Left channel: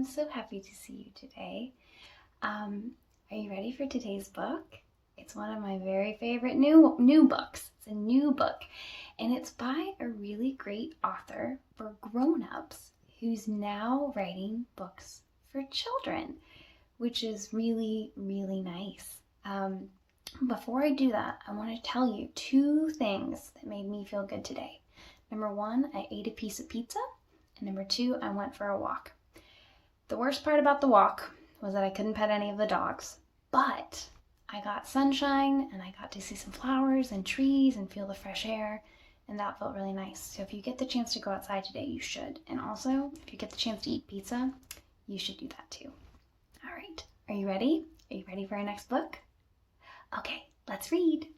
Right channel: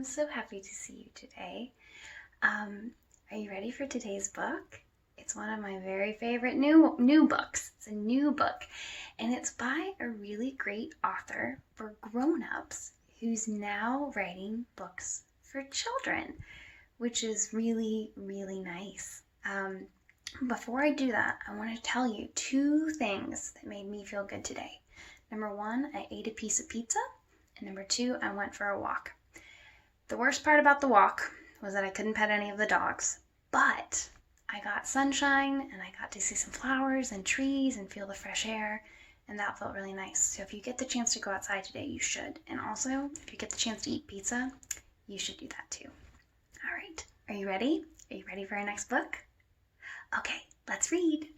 I'm so happy to see you today. Are you ready for today's book? It's one of my very favorite new books. It's a new book, and it's by a really great author for grown-ups who's now writing books for children, which is really, really nice. Before I do that, I want to tell you two things that made me feel good today. Number one, I ate a piece of pizza, and number two, I went for a walk. The worst part about the walk was that I couldn't pet any of the dogs, but I got sunshine and I got to see some flowers and trees and feel the fresh air, and that felt really nice. So if you get the chance to go outside today, you should. And also, if you get the chance to eat pizza, you should do that too. All right, are you ready? Are you ready for our next book? Okay, let's read.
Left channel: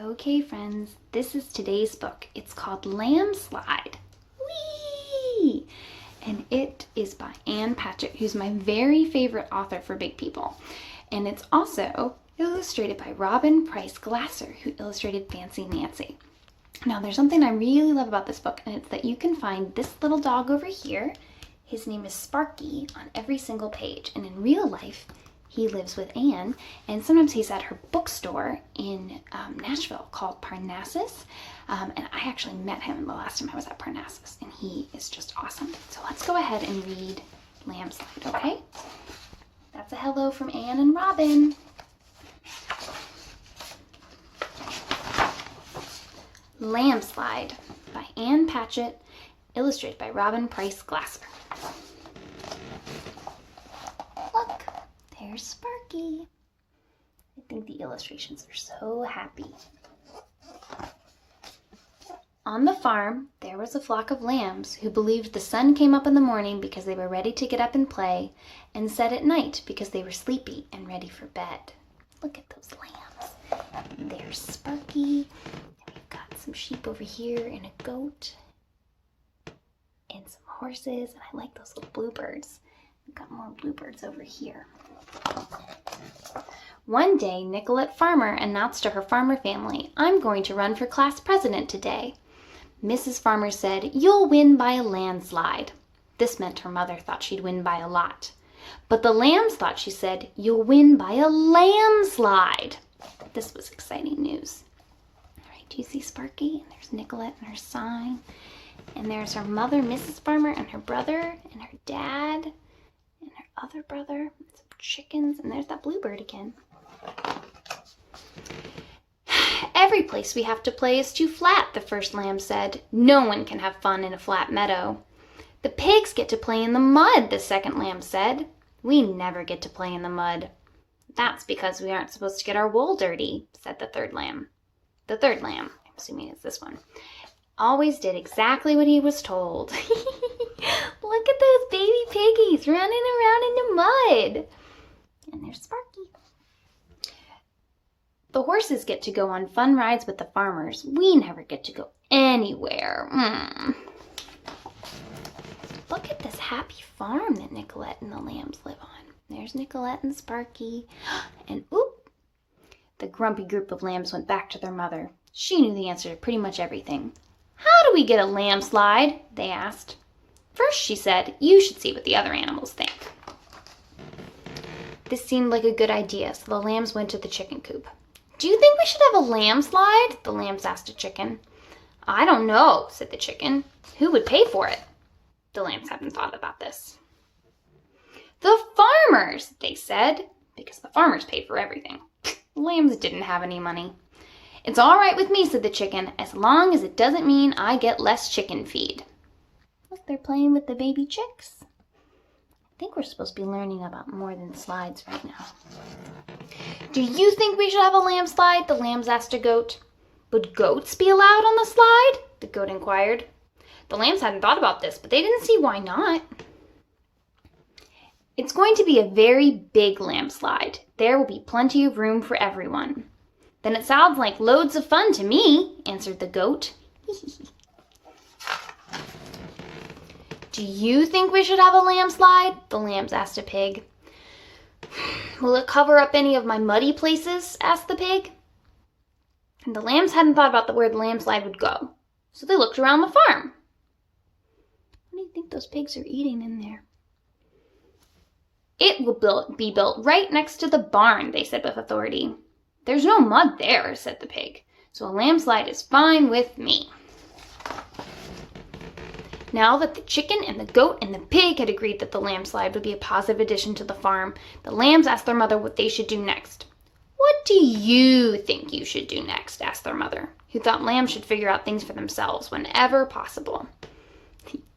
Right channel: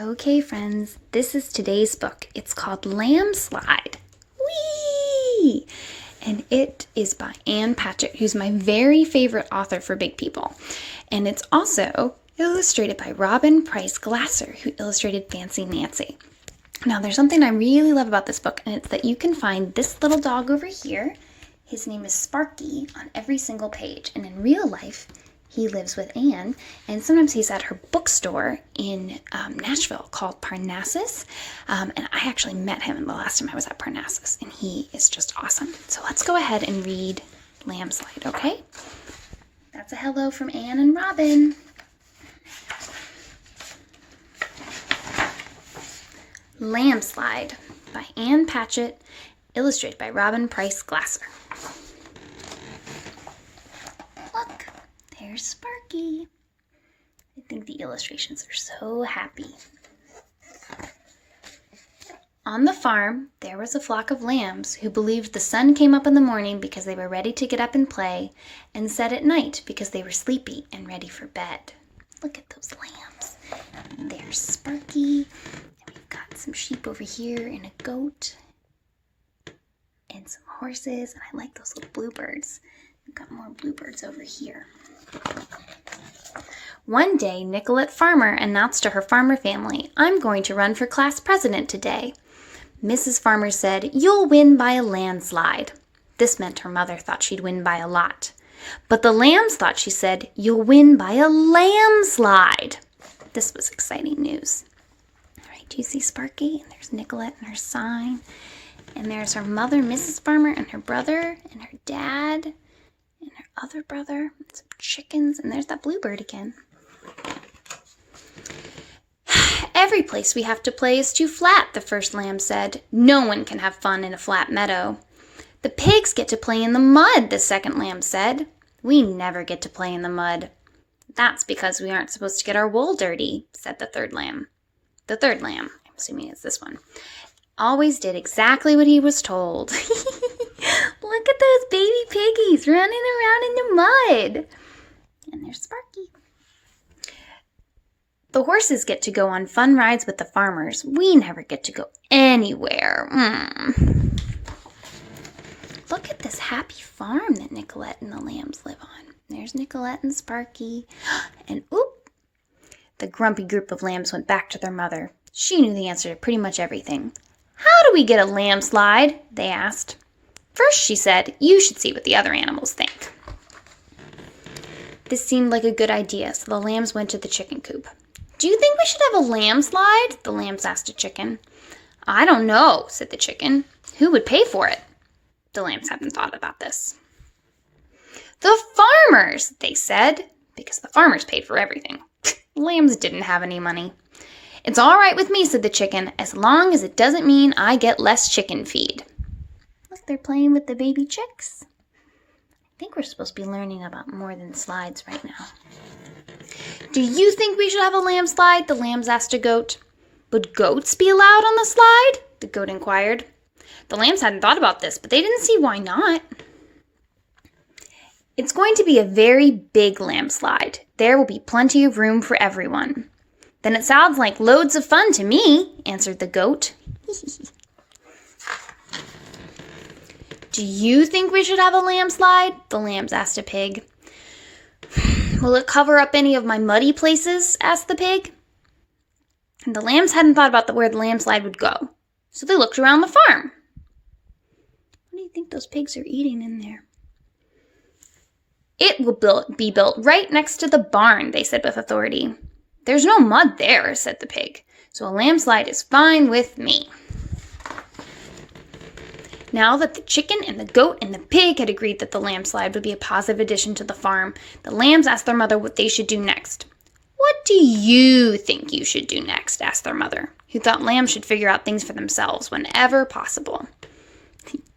Okay, friends, this is today's book. It's called Lambslide. Whee! And it is by Ann Patchett, who's my very favorite author for big people. And it's also illustrated by Robin Price Glasser, who illustrated Fancy Nancy. Now, there's something I really love about this book, and it's that you can find this little dog over here. His name is Sparky on every single page. And in real life, he lives with Anne, and sometimes he's at her bookstore in Nashville called Parnassus. And I actually met him the last time I was at Parnassus, and he is just awesome. So let's go ahead and read Lambslide, okay? That's a hello from Anne and Robin. Lambslide by Ann Patchett, illustrated by Robin Price Glasser. Look. There's Sparky. I think the illustrations are so happy. On the farm, there was a flock of lambs who believed the sun came up in the morning because they were ready to get up and play, and set at night because they were sleepy and ready for bed. Look at those lambs. There's Sparky, and we've got some sheep over here, and a goat, and some horses, and I like those little bluebirds. We've got more bluebirds over here. One day, Nicolette Farmer announced to her farmer family, "I'm going to run for class president today." Mrs. Farmer said, "You'll win by a landslide." This meant her mother thought she'd win by a lot. But the lambs thought she said, "You'll win by a lambslide." This was exciting news. All right, do you see Sparky? And there's Nicolette and her sign. And there's her mother, Mrs. Farmer, and her brother, and her dad, and her other brother, and some chickens, and there's that bluebird again. "Every place we have to play is too flat," the first lamb said. "No one can have fun in a flat meadow." "The pigs get to play in the mud," the second lamb said. "We never get to play in the mud." "That's because we aren't supposed to get our wool dirty," said the third lamb. The third lamb, I'm assuming it's this one, always did exactly what he was told. Look at those baby piggies running around in the mud. And there's Sparky. "The horses get to go on fun rides with the farmers. We never get to go anywhere." Look at this happy farm that Nicolette and the lambs live on. There's Nicolette and Sparky. And oop! The grumpy group of lambs went back to their mother. She knew the answer to pretty much everything. "How do we get a landslide?" they asked. "First," she said, "you should see what the other animals think." This seemed like a good idea, so the lambs went to the chicken coop. "Do you think we should have a landslide?" the lambs asked a chicken. "I don't know," said the chicken. "Who would pay for it?" The lambs hadn't thought about this. "The farmers," they said, because the farmers paid for everything. Lambs didn't have any money. "It's all right with me," said the chicken, "as long as it doesn't mean I get less chicken feed." Look, they're playing with the baby chicks. I think we're supposed to be learning about more than slides right now. "Do you think we should have a landslide?" the lambs asked a goat. "Would goats be allowed on the slide?" the goat inquired. The lambs hadn't thought about this, but they didn't see why not. "It's going to be a very big landslide. There will be plenty of room for everyone." "Then it sounds like loads of fun to me," answered the goat. "Do you think we should have a landslide?" the lambs asked a pig. "Will it cover up any of my muddy places?" asked the pig. And the lambs hadn't thought about where the landslide would go, so they looked around the farm. What do you think those pigs are eating in there? It will be built right next to the barn, they said with authority. There's no mud there, said the pig, so a landslide is fine with me. Now that the chicken and the goat and the pig had agreed that the landslide would be a positive addition to the farm, the lambs asked their mother what they should do next. What do you think you should do next? Asked their mother, who thought lambs should figure out things for themselves whenever possible.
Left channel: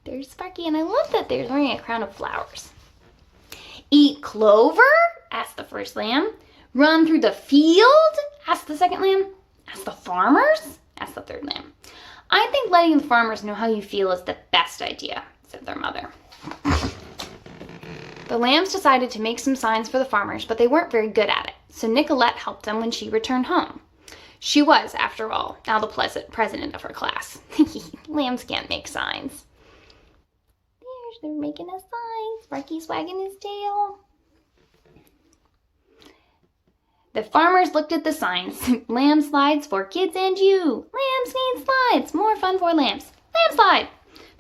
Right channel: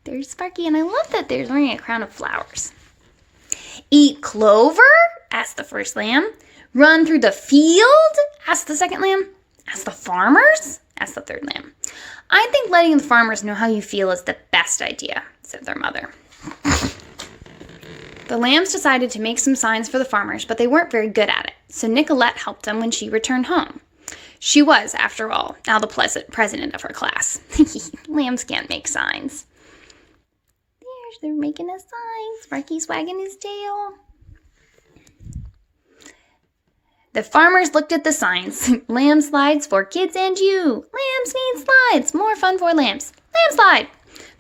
There's Sparky, and I love that they're wearing a crown of flowers. Eat clover? Asked the first lamb. Run through the field? Asked the second lamb. Ask the farmers? Asked the third lamb. I think letting the farmers know how you feel is the best idea, said their mother. The lambs decided to make some signs for the farmers, but they weren't very good at it, so Nicolette helped them when she returned home. She was, after all, now the president of her class. Lambs can't make signs. They're making a sign. Sparky's wagging his tail. The farmers looked at the signs. Lamb slides for kids and you. Lambs need slides. More fun for lambs. Lamb slide.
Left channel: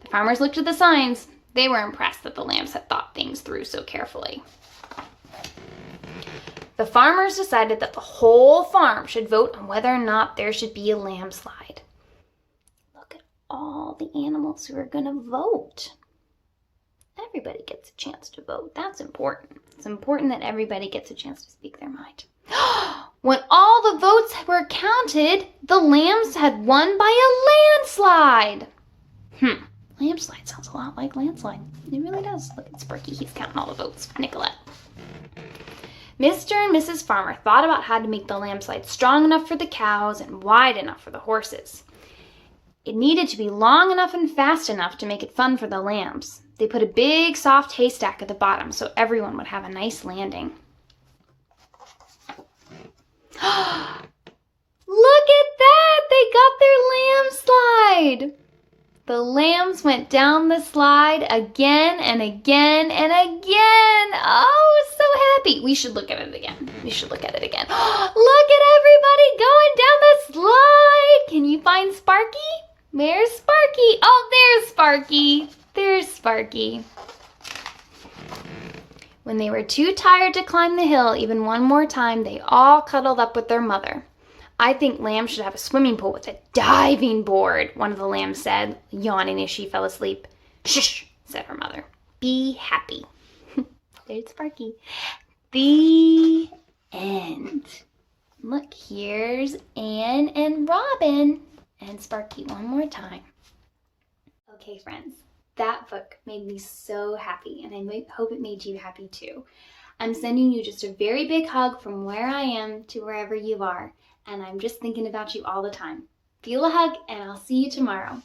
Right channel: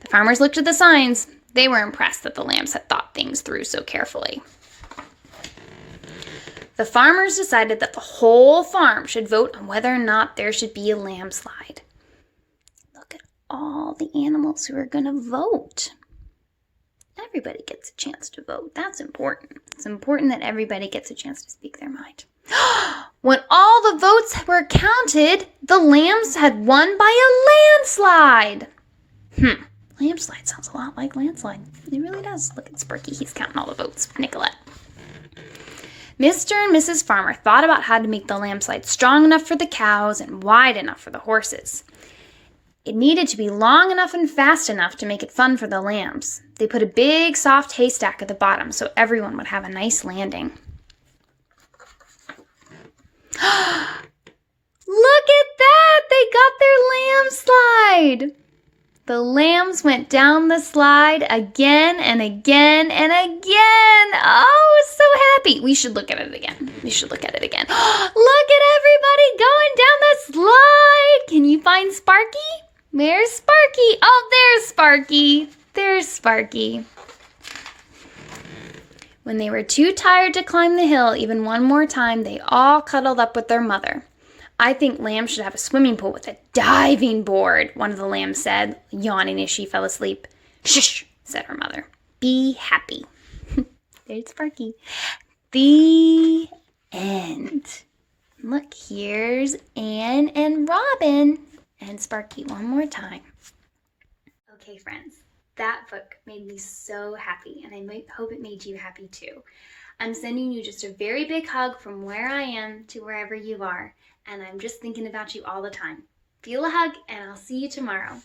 The farmers looked at the signs. They were impressed that the lambs had thought things through so carefully. The farmers decided that the whole farm should vote on whether or not there should be a landslide. Look at all the animals who are going to vote. Everybody gets a chance to vote. That's important. It's important that everybody gets a chance to speak their mind. When all the votes were counted, the lambs had won by a landslide. Landslide sounds a lot like landslide. It really does. Look at Sparky. He's counting all the votes. Nicolette. Mr. and Mrs. Farmer thought about how to make the landslide strong enough for the cows and wide enough for the horses. It needed to be long enough and fast enough to make it fun for the lambs. They put a big, soft haystack at the bottom so everyone would have a nice landing. Look at that! They got their landslide! The lambs went down the slide again and again and again. Oh, so happy. We should look at it again. Look at everybody going down the slide. Can you find Sparky? Where's Sparky? Oh, there's Sparky. There's Sparky. When they were too tired to climb the hill even one more time, they all cuddled up with their mother. I think lambs should have a swimming pool with a diving board, one of the lambs said, yawning as she fell asleep. Shush, said her mother. Be happy. There's Sparky. The end. Look, here's Anne and Robin. And Sparky one more time. Okay, friends, that book made me so happy, and I hope it made you happy too. I'm sending you just a very big hug from where I am to wherever you are, and I'm just thinking about you all the time. Feel a hug, and I'll see you tomorrow.